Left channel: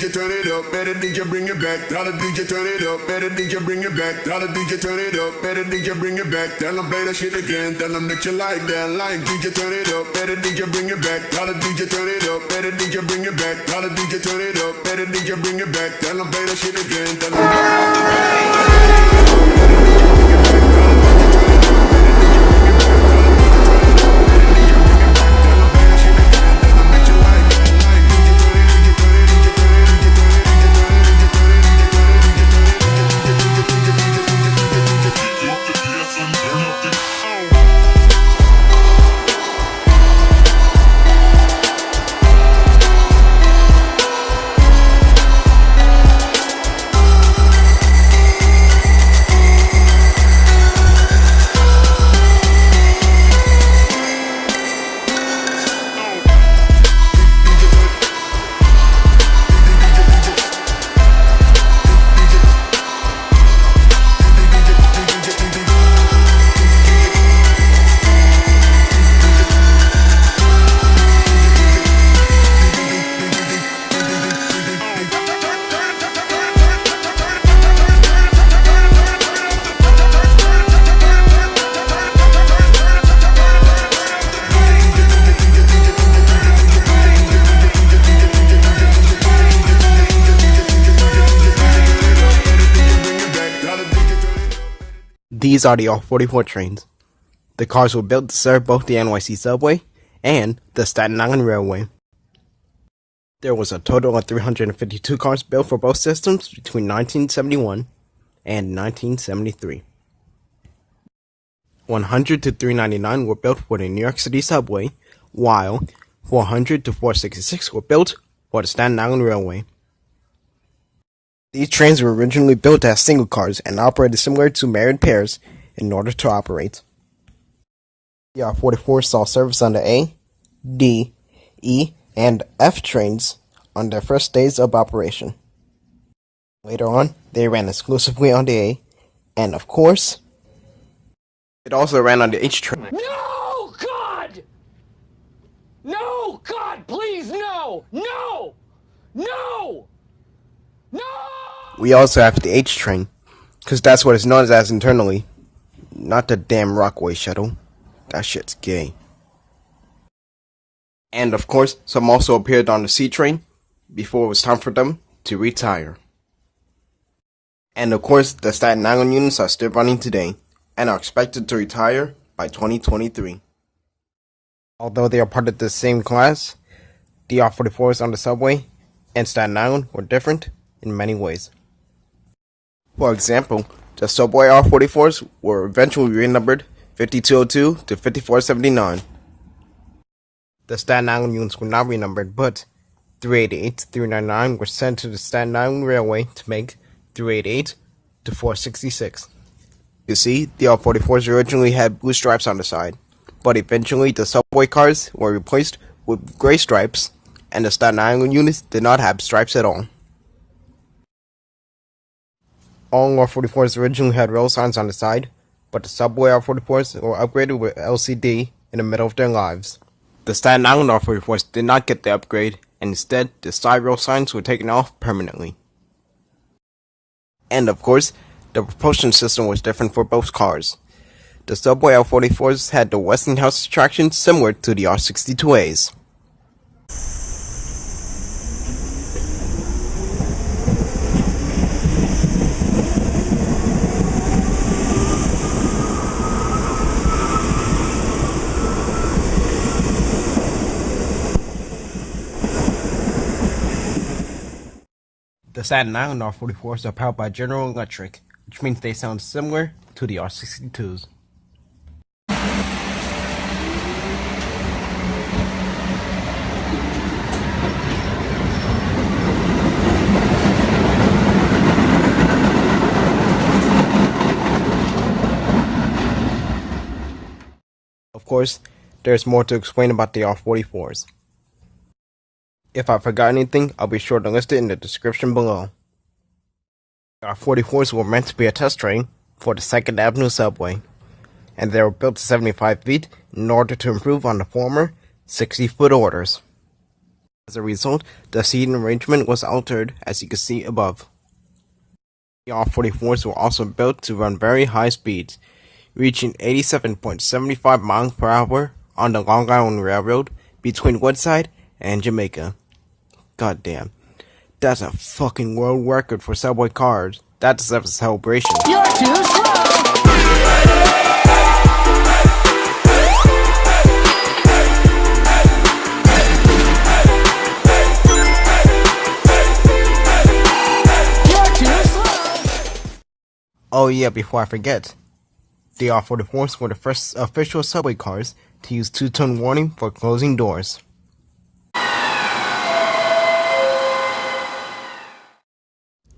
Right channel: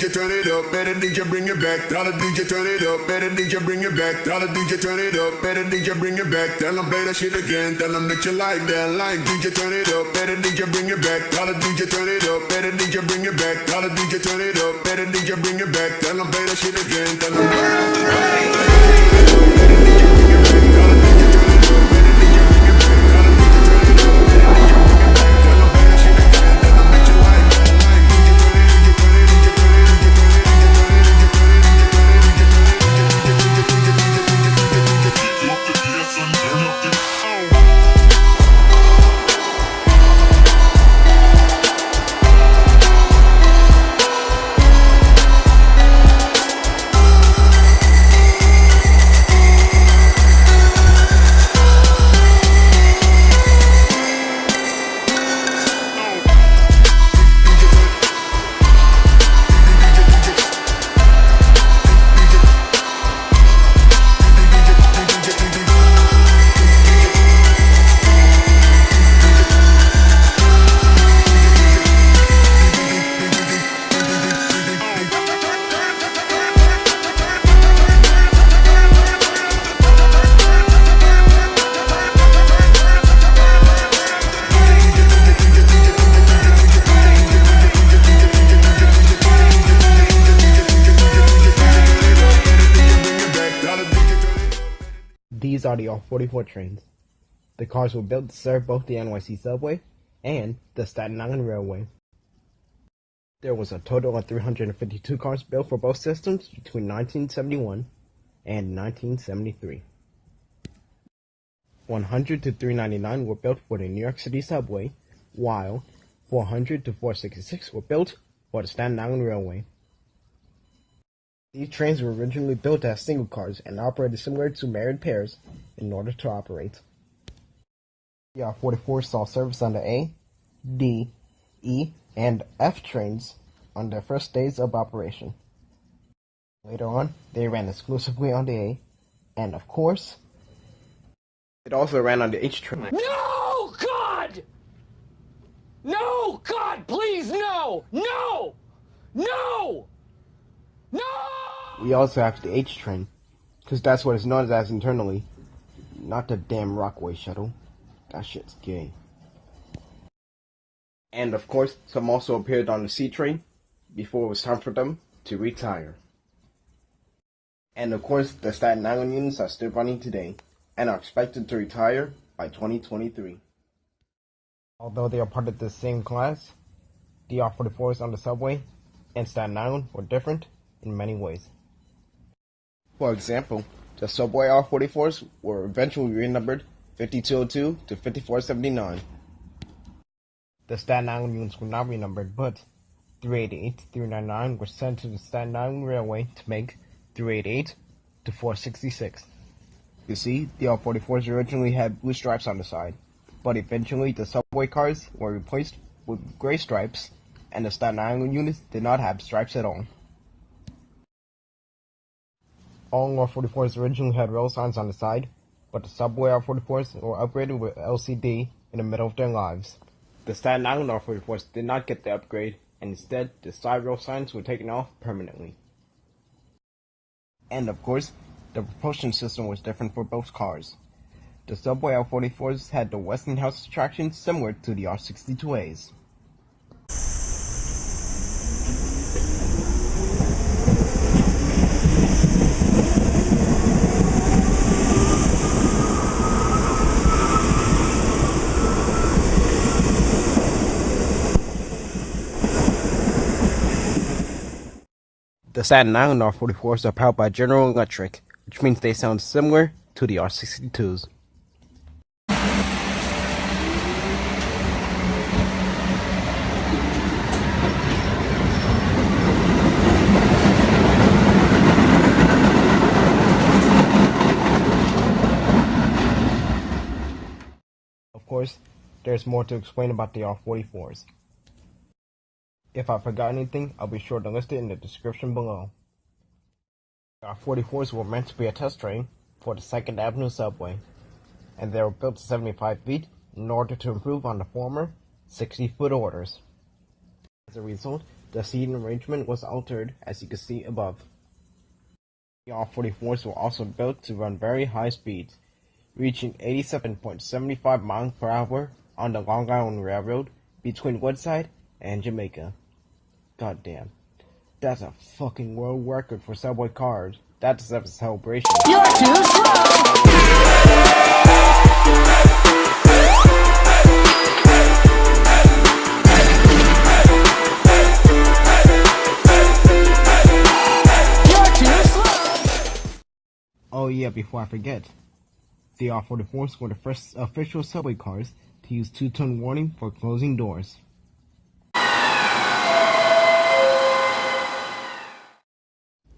DJ turn it up, better DJ bring it back. Tell the DJ turn it up, better DJ bring it back. Tell the DJ turn it up, better DJ bring it back. Tell them play that shit again, tell them that you like that. Like DJ turn it up, better DJ bring it back. Tell the DJ turn it up, better DJ bring it back. Tell the DJ turn it up, better DJ bring it back. Tell them play that shit again, tell them turn up the bass. Better DJ bring it back. Tell the DJ turn it up, better DJ bring it back. Tell the DJ turn it up, better DJ bring it back. Tell them play that shit again, tell them that you like that. Like DJ turn it, DJ turn it, DJ turn it, DJ turn it, DJ turn it, DJ turn it, DJ turn it, DJ turn it, DJ turn it, DJ turn it, DJ turn it, DJ turn it. These are the R44 trains. The cars were built to serve both the NYC subway and the Staten Island Railway. There was a total of 352 cars built for both systems between 1971 and 1973. 100 to 399 were built for the New York City subway, while 400 to 466 were built for the Staten Island Railway. These trains were originally built as single cars and operated similar to married pairs in order to operate. The R44 saw service on the A, D, E, and F trains on their first days of operation. Later on, they ran exclusively on the A, and of course, it also ran on the H train. No, God! No, God, please, no! No! No! No! We also have the H train, because that's what it's known as internally. Not the damn Rockaway shuttle. That shit's gay. And of course, some also appeared on the C train before it was time for them to retire. And of course, the Staten Island units are still running today, and are expected to retire by 2023. Although they are part of the same class, the R44s on the subway and Staten Island were different in many ways. For example, the subway R44s were eventually renumbered 5202 to 5479. The Staten Island units were not renumbered, but 388 to 399 were sent to the Staten Island Railway to make 388 to 466. You see, the R44s originally had blue stripes on the side, but eventually the subway cars were replaced with gray stripes, and the Staten Island units did not have stripes at all. All R44s originally had rail signs on the side, but the subway R44s were upgraded with LCD in the middle of their lives. The Staten Island R44s did not get the upgrade, and instead the side rail signs were taken off permanently. And of course, the propulsion system was different for both cars. The subway R44s had the Westinghouse traction similar to the R62As. The Staten Island R44s are powered by General Electric, which means they sound similar to the R62s. Of course, there's more to explain about the R44s. If I forgot anything, I'll be sure to list it in the description below. The R44s were meant to be a test train for the 2nd Avenue subway, and they were built to 75 feet in order to improve on the former 60-foot orders. As a result, the seating arrangement was altered, as you can see above. The R44s were also built to run very high speeds, reaching 87.75 miles per hour on the Long Island Railroad between Woodside and Jamaica. Goddamn. That's a fucking world record for subway cars. That deserves a celebration. You're too slow! Oh yeah, before I forget, the R44s were the first official subway cars to use two-tone warning for closing doors.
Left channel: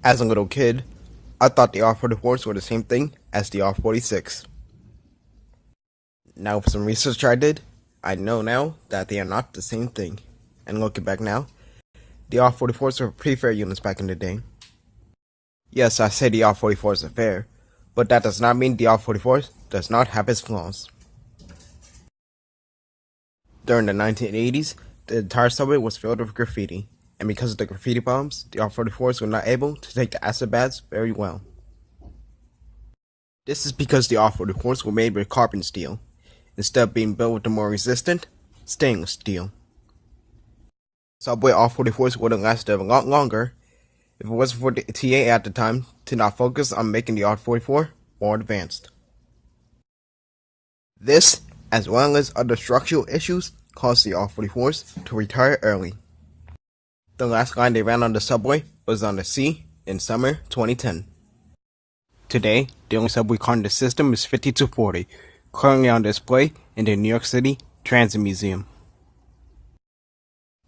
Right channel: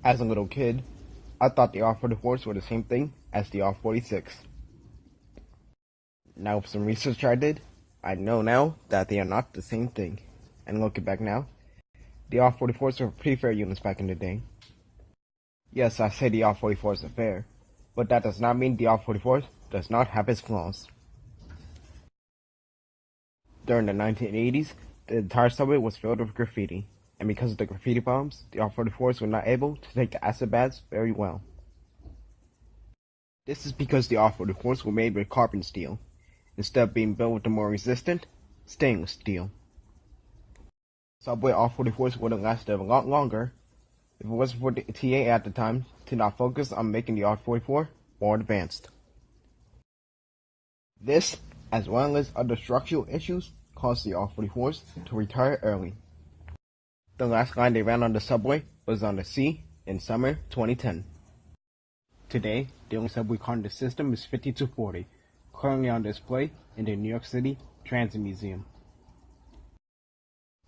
As a little kid, I thought the R44s were the same thing as the R46. Now with some research I did, I know now that they are not the same thing. And looking back now, the R44s were pretty fair units back in the day. Yes, I say the R44s are fair, but that does not mean the R44s does not have its flaws. During the 1980s, the entire subway was filled with graffiti, and because of the graffiti bombs, the R44s were not able to take the acid baths very well. This is because the R44s were made with carbon steel, instead of being built with the more resistant stainless steel. Subway R44s would have lasted a lot longer if it wasn't for the TA at the time to not focus on making the R44 more advanced. This, as well as other structural issues, caused the R44s to retire early. The last line they ran on the subway was on the C in summer 2010. Today, the only subway car in the system is 5240, currently on display in the New York City Transit Museum.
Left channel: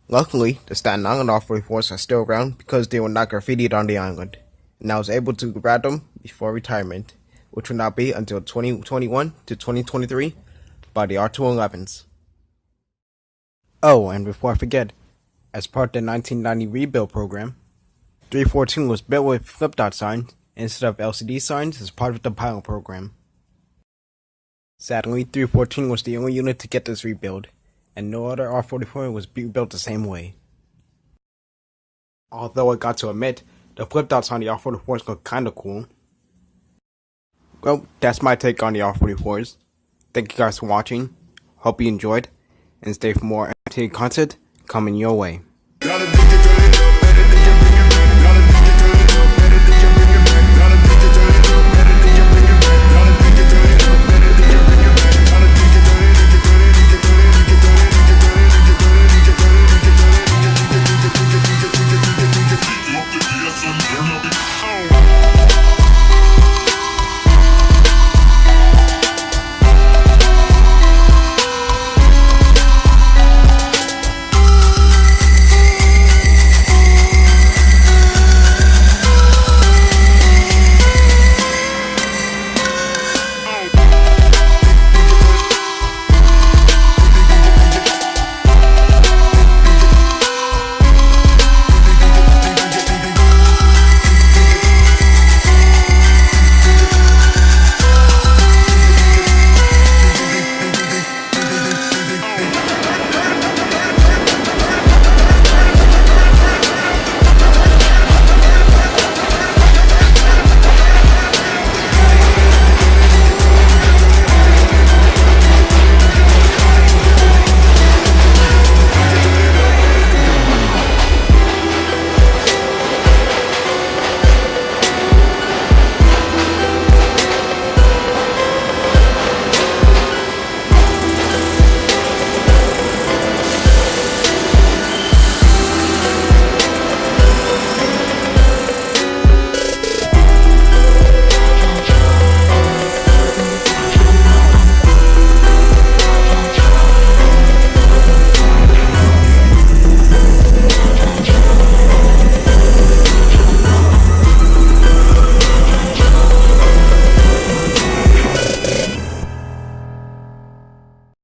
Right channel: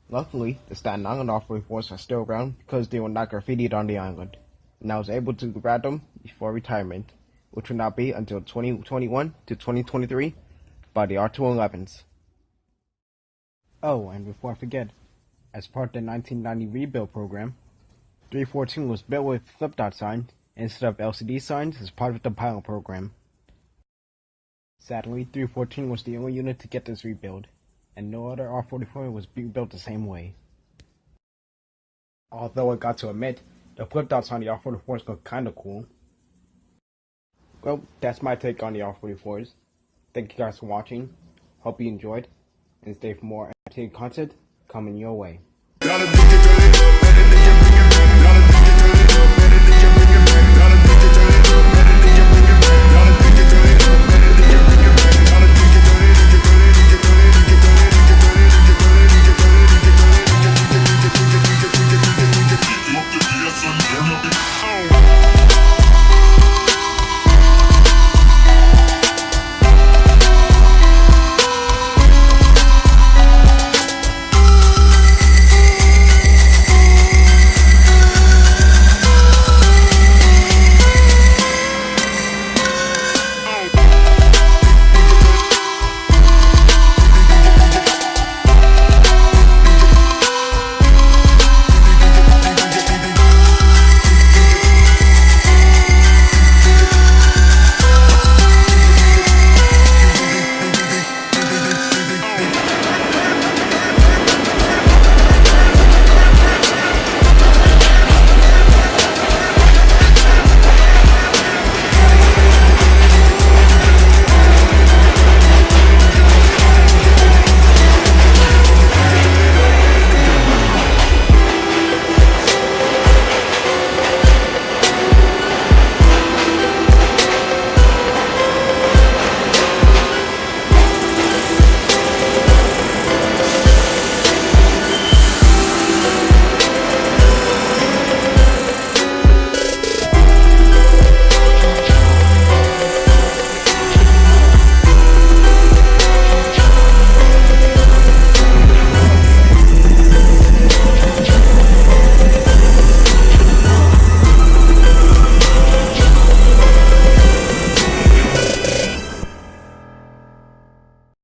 Luckily, the Staten Island R44s are still around because they were not graffitied on the island, and I was able to grab them before retirement, which will not be until 2021 to 2023 by the R211s. Oh, and before I forget, as part of the 1990 rebuild program, 314 was built with flip-dot signs instead of LCD signs as part of the pilot program. Sadly, 314 was the only unit to get this rebuild, and no other R44 was built the same way. Although I got to admit, the flip dots on the R44s look kinda cool. Well, that's my take on the R44s. Thank you guys for watching, hope you enjoyed, and stay for more entertaining content coming your way.